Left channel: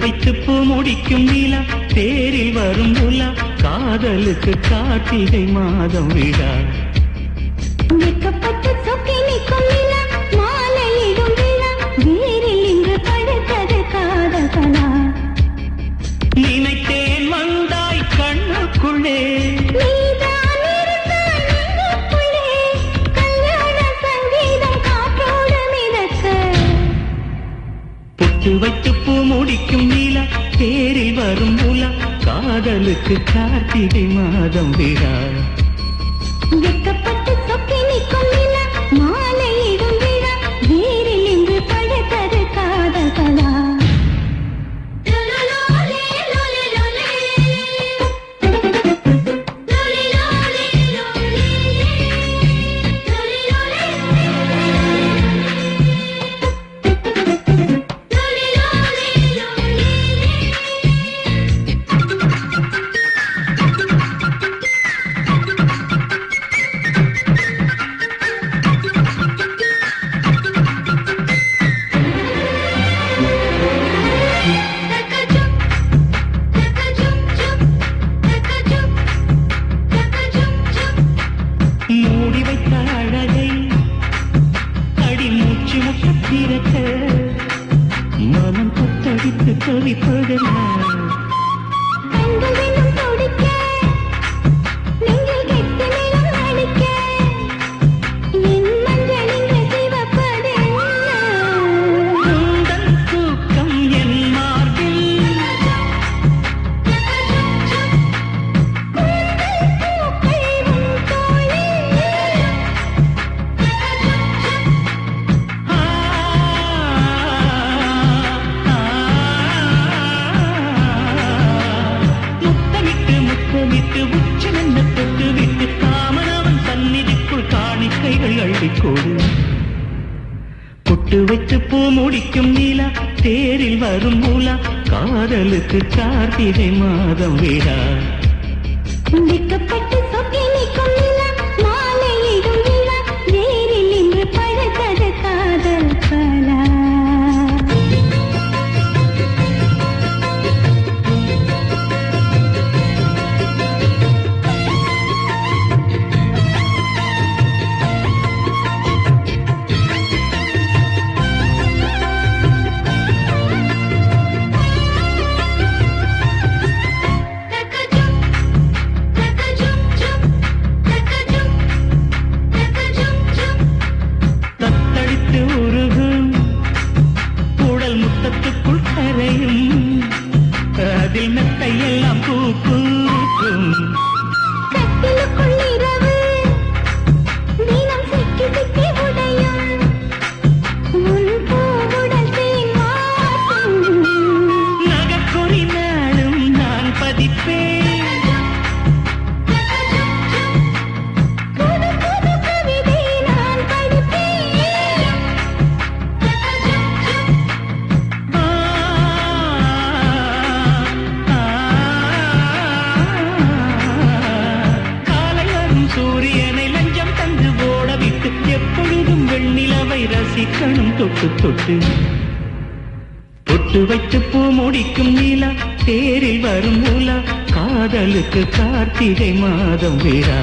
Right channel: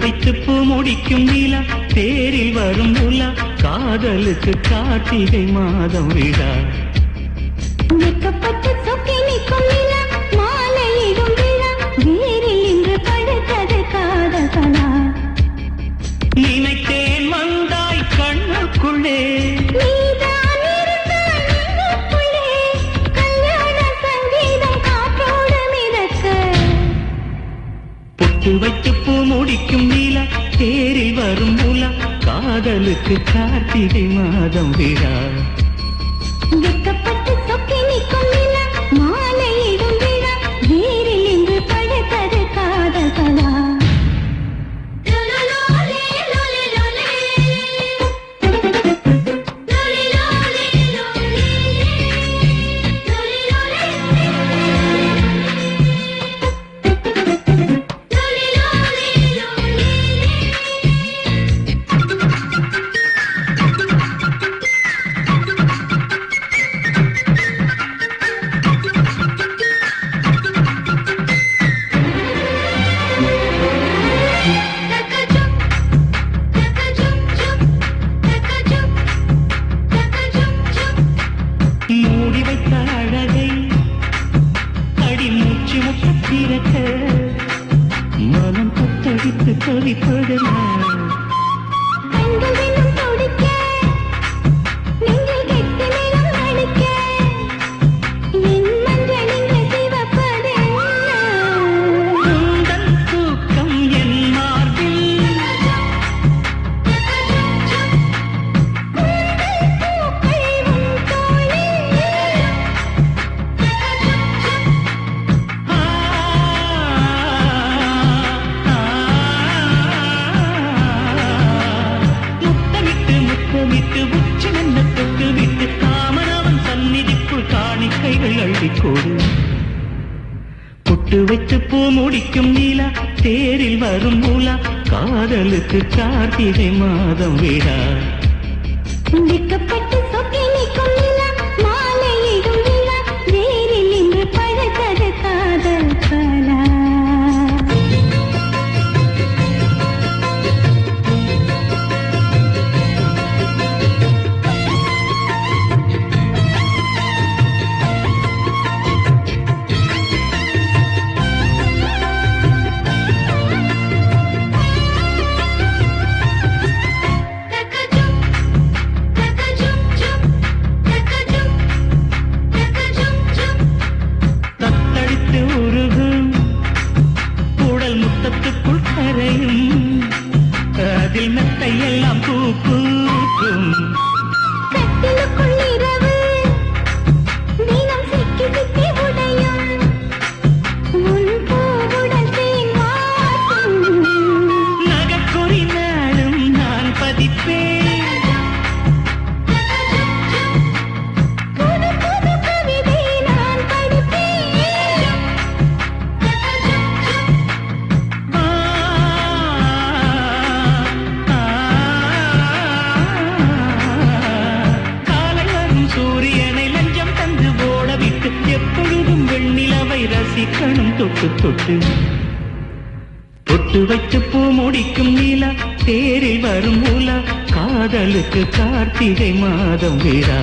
வைத்து பூ முடிக்கும் நிலா தேரில் வரும் உலா காதலுக்கு கார்த்திகை மாதம் விழா வெக்கப்பட்டு சொக்கி நிற்கும் நிலா மாலையிடும் விழா வேரில் இன்று படுத்தது காதல் கலா நினைத்தேன் வந்தாய் கண்ணுக்குள்ளே நீதான் இருந்தாய் நெஞ்சுக்குள்ளே கல்யாண சங்கீதம் காற்றோடு மிதக்க பொட்டு வைத்து பூ முடிக்கும் நிலா தேரில் வரும் உலா காதலுக்கு கார்த்திகை மாதம் விழா வெக்கப்பட்டு சொக்கி நிற்கும் நிலா மாலையிடும் விழா வேரில் இன்று படுத்தது காதல் கலா மூடி வைத்த அழகை அடிமூச்சு முட்டிருக்க மனம் கொத்தடித்து தவிப்பதனால் தூக்கம் என் மார்பில் முத்தமிட்டு உச்சி நின்ன தொட்டு விட்டு காமனவன் சந்நிதிக்குள் காணிக்கைகள் அள்ளிக்கோடு பொட்டு வைத்து பூ முடிக்கும் நீலா தேரில் வரும் மூலா காதலுக்கு கார்த்திகை மாதம் விழா வெக்கப்பட்டு சொக்கி நிற்கும் நிலா மாலையிடும் விழா வேரில் இன்று படுத்தது காதல் கலா தத்தளித்து உருகும் உடல் முத்தத்துக்குள் கரையும் அதில் மெத்தையெல்லாம் பூக்கும் கட்டிலுக்குள் இரவு தினம் சிக்கி சிக்கி உடையும் உன் பூவுடல் தேன் வாசம் நகக்குறி நாளும் நான் பதிப்பேன் புது புது கவிதை நான் படிப்பேன் காலை வரும் சூரியனை லஞ்சம் தந்து ஓட விட்டு எப்பொழுதும் வெண்ணிலவை ரசிக்கணும் தொட்டு தொட்டு பொட்டு வைத்து பூ முடிக்கும் நீலா தேரில் வரும் மூலா காதலுக்கு கார்த்திகை மாதம் விழா